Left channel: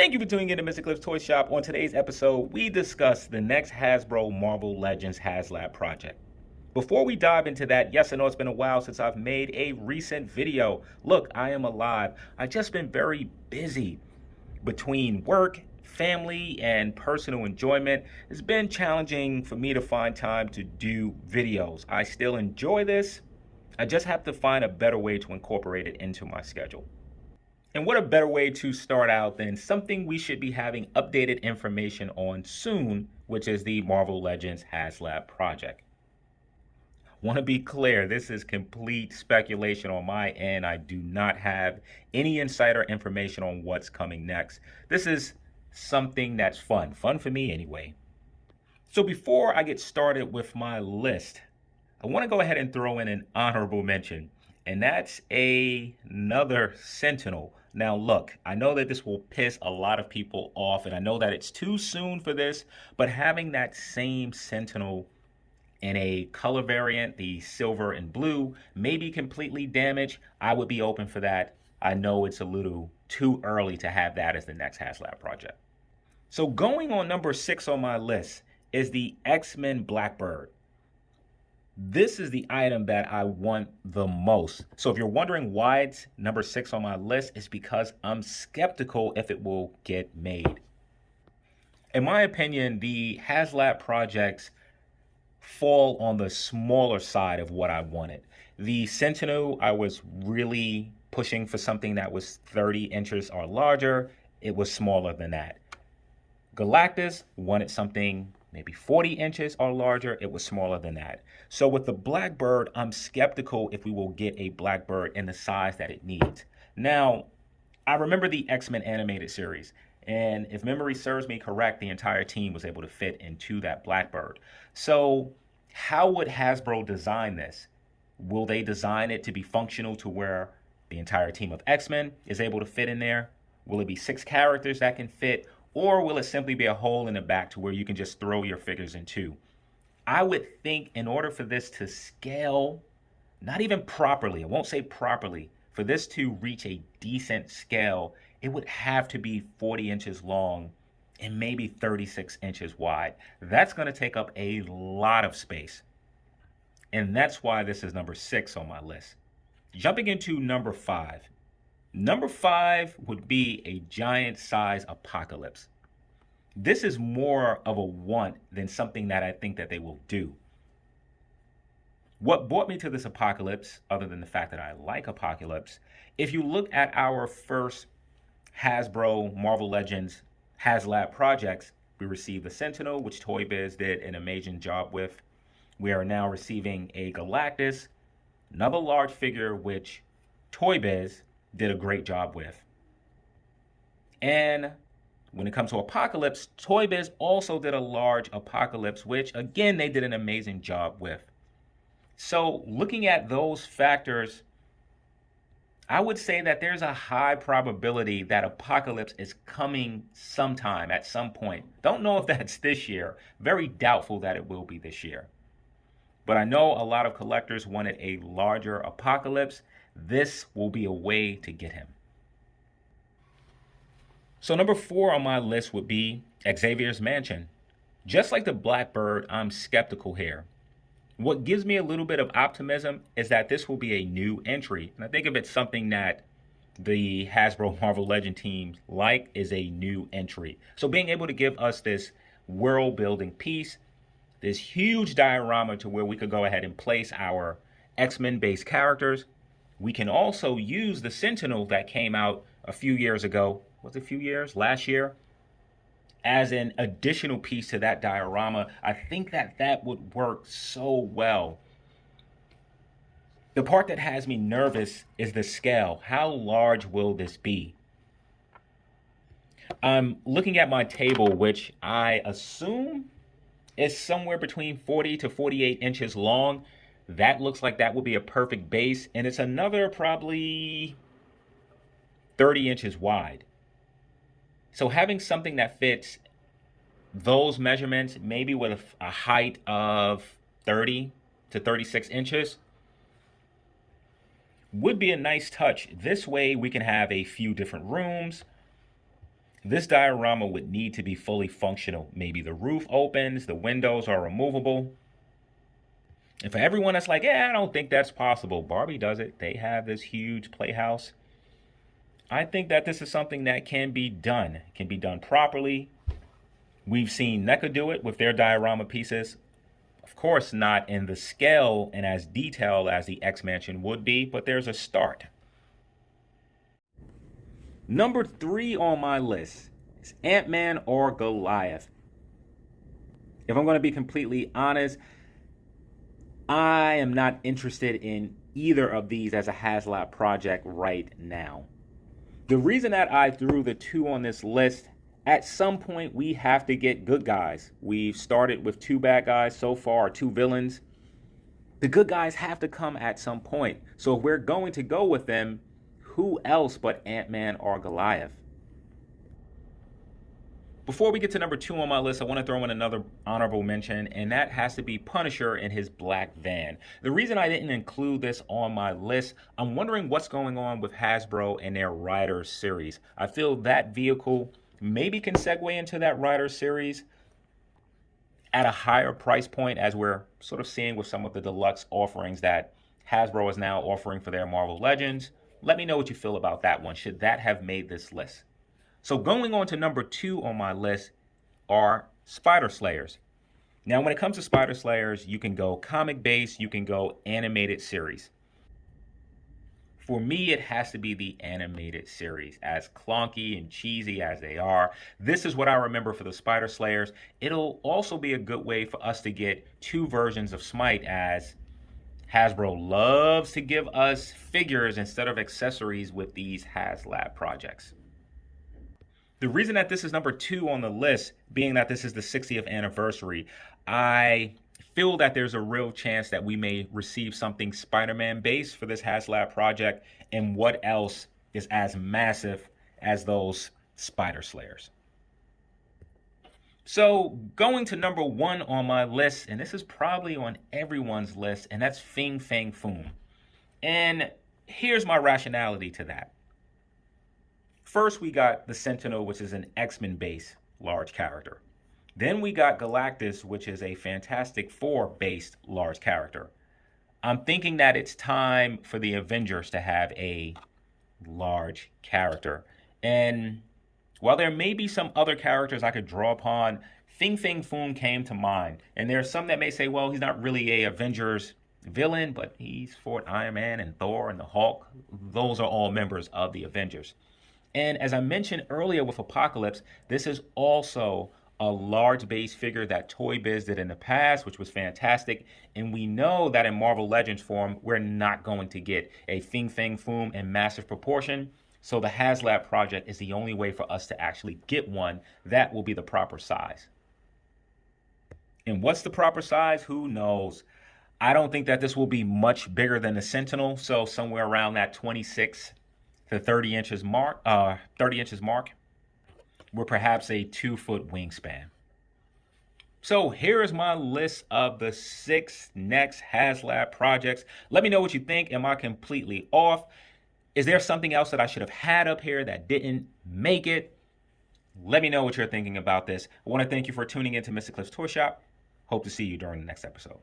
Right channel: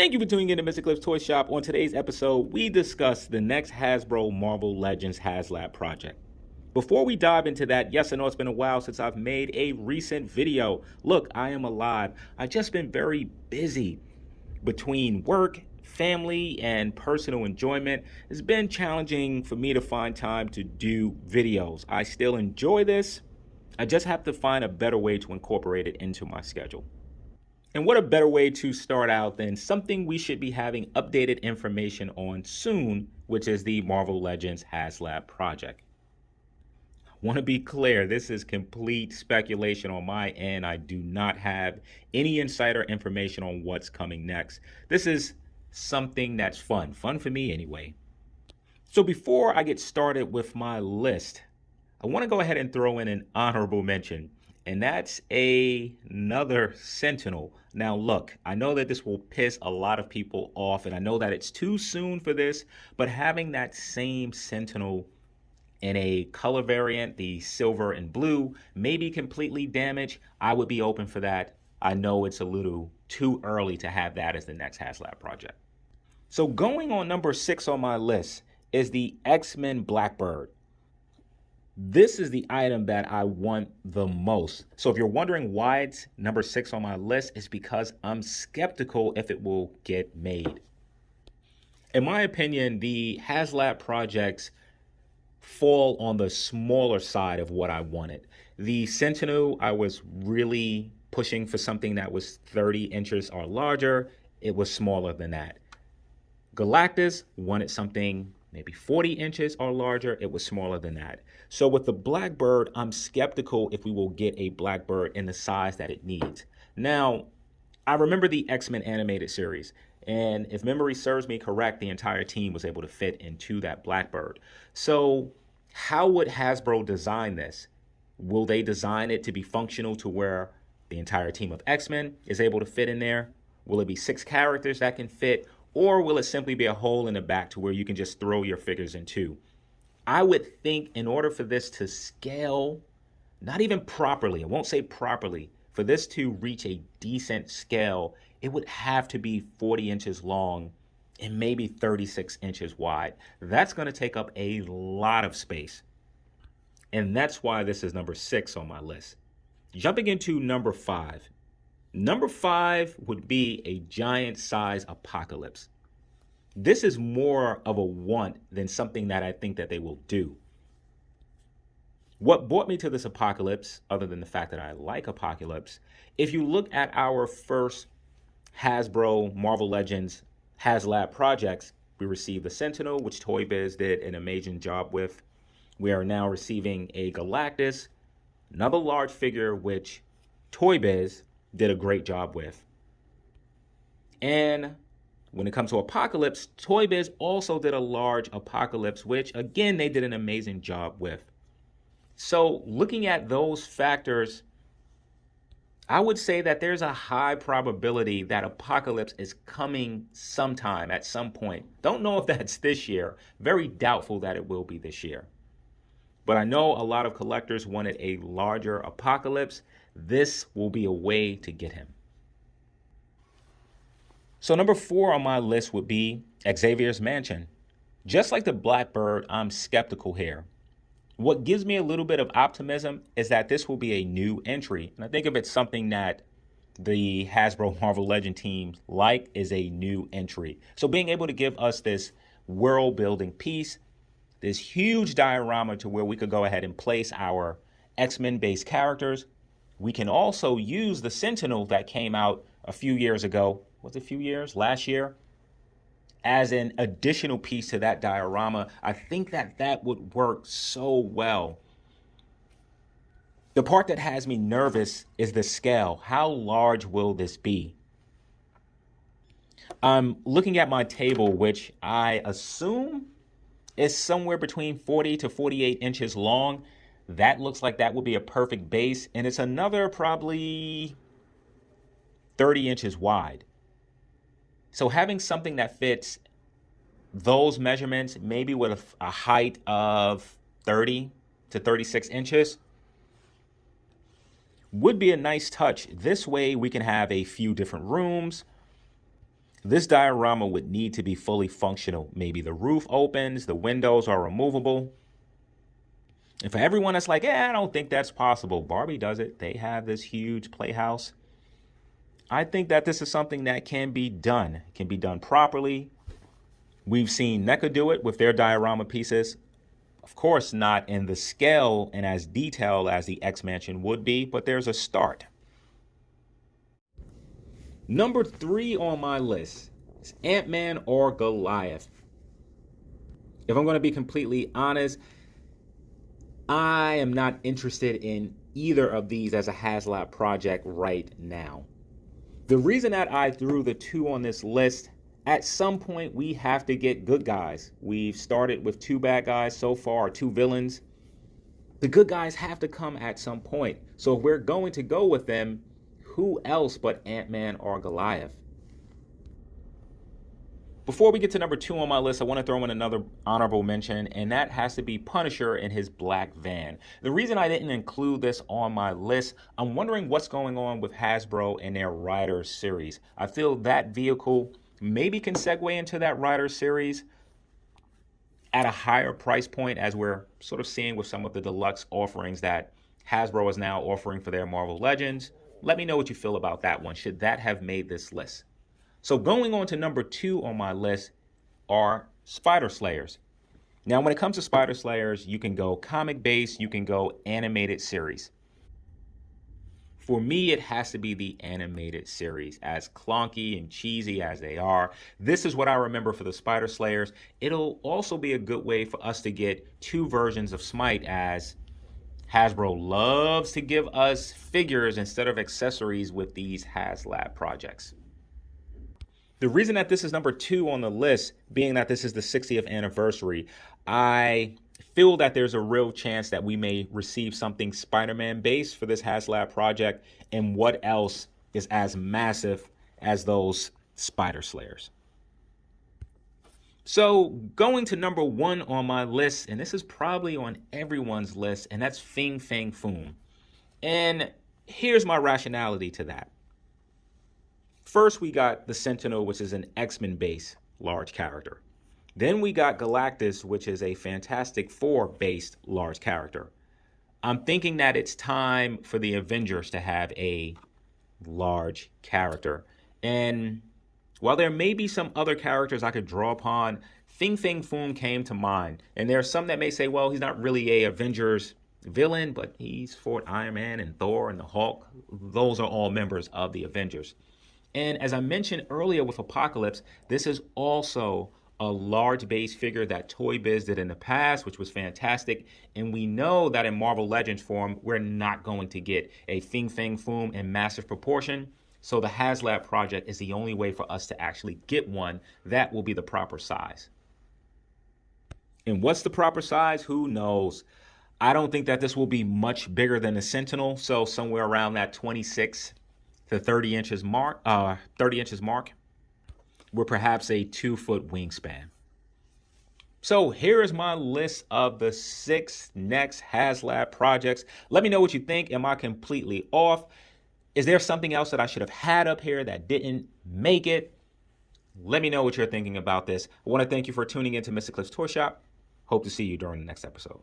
Thank you for tuning in to Mr. Cliff's Toy Shop. On today's episode, we discuss the next Hasbro Marvel Legends Haslab project. Before we dive into that, yes, I know it's been a while since I've made a recent video. Look, I am alive. I've just been very busy between work, family, and personal enjoyment. It's been challenging for me to find time to do videos. I still enjoy this. I just have to find a better way to incorporate it into my schedule. And what a better way to start out than something we should be having updated information on soon, which is the Marvel Legends Haslab project. Want to be clear, this is complete speculation on my end. I do not have any insider information on what's coming next. This is something that's fun for me anyway. So before I get started with my list, I want to go ahead and throw in an honorable mention. And that's another Sentinel. Now look, I know that this will piss a lot of people off, and I know that it's too soon for this, but having that same Sentinel in a color variant, the silver and blue, may be completely damaged. I would be open for that. I know it's a little too early to have that as the next Haslab project. So going on number 6 on my list is the XMen Blackbird. This is the item that I want the most. So if you're wondering why it's number 6 on my list, it's because I'm skeptical if it will get made. In my opinion, the Haslab projects fall on the smaller side of what I wanted. The Sentinel, I was really pushing for something that was 30 inches or larger. It was smaller than that. Galactus wanted something maybe 40 inches or larger. It was smaller than that. So with the Blackbird, I'm skeptical if we will get a Blackbird in the size that it needs. Now, I remember the X-Men animated series, and if memory serves me correct, the entire team was able to fit into that Blackbird. So how would Hasbro design this? Will they design it to be functional to where the entire team of X-Men is able to fit in there? Will it be 6 characters that can fit? Or will it simply be a hole in the back to where you can just throw your figures into? I would think in order for this to scale, not even properly, I won't say properly, for this to reach a decent scale, it would have to be 40 inches long and maybe 36 inches wide. That's going to take up a lot of space. And that's why this is number 6 on my list. Jumping into number 5. Number 5 would be a giant size Apocalypse. This is more of a want than something that I think that they will do. What brought me to this Apocalypse, other than the fact that I like Apocalypse, if you look at our first Hasbro Marvel Legends Haslab projects, we received the Sentinel, which Toy Biz did an amazing job with. We are now receiving a Galactus, another large figure, which Toy Biz did a great job with. And when it comes to Apocalypse, Toy Biz also did a large Apocalypse, which again, they did an amazing job with. So looking at those factors, I would say that there's a high probability that Apocalypse is coming sometime at some point. Don't know if that's this year. Very doubtful that it will be this year. But I know a lot of collectors wanted a larger Apocalypse. This will be a way to get him. So number 4 on my list would be XMen Mansion. Just like the Blackbird, I'm skeptical here. What gives me a little bit of optimism is that this will be a new entry. And I think if it's something that the Hasbro Marvel Legend team like is a new entry. So being able to give us this world building piece, this huge diorama to where we could go ahead and place our X-Men based characters. We can also use the Sentinel that came out a few years ago. Was it a few years? Last year? As an additional piece to that diorama. I think that that would work so well. The part that has me nervous is the scale. How large will this be? I'm looking at my table, which I assume is somewhere between 40 to 48 inches long. That looks like that would be a perfect base, and it's another probably 30 inches wide. So having something that fits those measurements, maybe with a height of 30 to 36 inches, would be a nice touch. This way we can have a few different rooms. this diorama would need to be fully functional. Maybe the roof opens, the windows are removable. And for everyone that's like, yeah, I don't think that's possible, Barbie does it. They have this huge playhouse. I think that this is something that can be done. It can be done properly. We've seen NECA do it with their diorama pieces. Of course, not in the scale and as detailed as the X Mansion would be, but there's a start. Number 3 on my list is Ant-Man or Goliath. If I'm going to be completely honest, I am not interested in either of these as a Haslab project right now. The reason that I threw the 2 on this list, at some point we have to get good guys. We've started with 2 bad guys so far, 2 villains. The good guys have to come at some point. So if we're going to go with them, who else but Ant-Man or Goliath? Before we get to number 2 on my list, I want to throw in another honorable mention, and that has to be Punisher in his black van. The reason I didn't include this on my list, I'm wondering what's going on with Hasbro and their Rider series. I feel that vehicle maybe can segue into that Rider series at a higher price point, as we're sort of seeing with some of the deluxe offerings that Hasbro is now offering for their Marvel Legends. Let me know what you feel about that one. Should that have made this list? So going on to number 2 on my list are SpiderSlayers. Now, when it comes to SpiderSlayers, you can go comic-based, you can go animated series. For me, it has to be the animated series. As clunky and cheesy as they are, this is what I remember for the SpiderSlayers. It'll also be a good way for us to get 2 versions of Smite, as Hasbro loves to give us figures instead of accessories with these Haslab projects. The reason that this is number 2 on the list, being that this is the 60th anniversary, I feel that there's a real chance that we may receive something Spider-Man based for this Haslab project. And what else is as massive as those SpiderSlayers? So going to number 1 on my list, and this is probably on everyone's list, and that's Fang Foom. And here's my rationality to that. First, we got the Sentinel, which is an X-Men based large character. Then we got Galactus, which is a Fantastic Four based large character. I'm thinking that it's time for the Avengers to have a large character. And while there may be some other characters I could draw upon, Fang Foom came to mind. And there are some that may say, well, he's not really a Avengers villain, but he's fought Iron Man and Thor and the Hulk. Those are all members of the Avengers. And as I mentioned earlier with Apocalypse, this is also a large base figure that Toy Biz did in the past, which was fantastic. And we know that in Marvel Legends form, we're not going to get a Fang Foom in massive proportion. So the Haslab project is the only way for us to actually get one that will be the proper size. And what's the proper size? Who knows? I don't think that this will be much bigger than the Sentinel. So somewhere around that 26 to 30 inches mark, with perhaps a 2-foot wingspan. So here is my list of the 6 next Haslab projects. Let me know what you think. Am I completely off? Is there something else that I should have had up here that didn't make it? Let me know what you're thinking about this. I want to thank you for tuning in to Mr. Cliff's Toy Shop. Hope to see you during the next episode.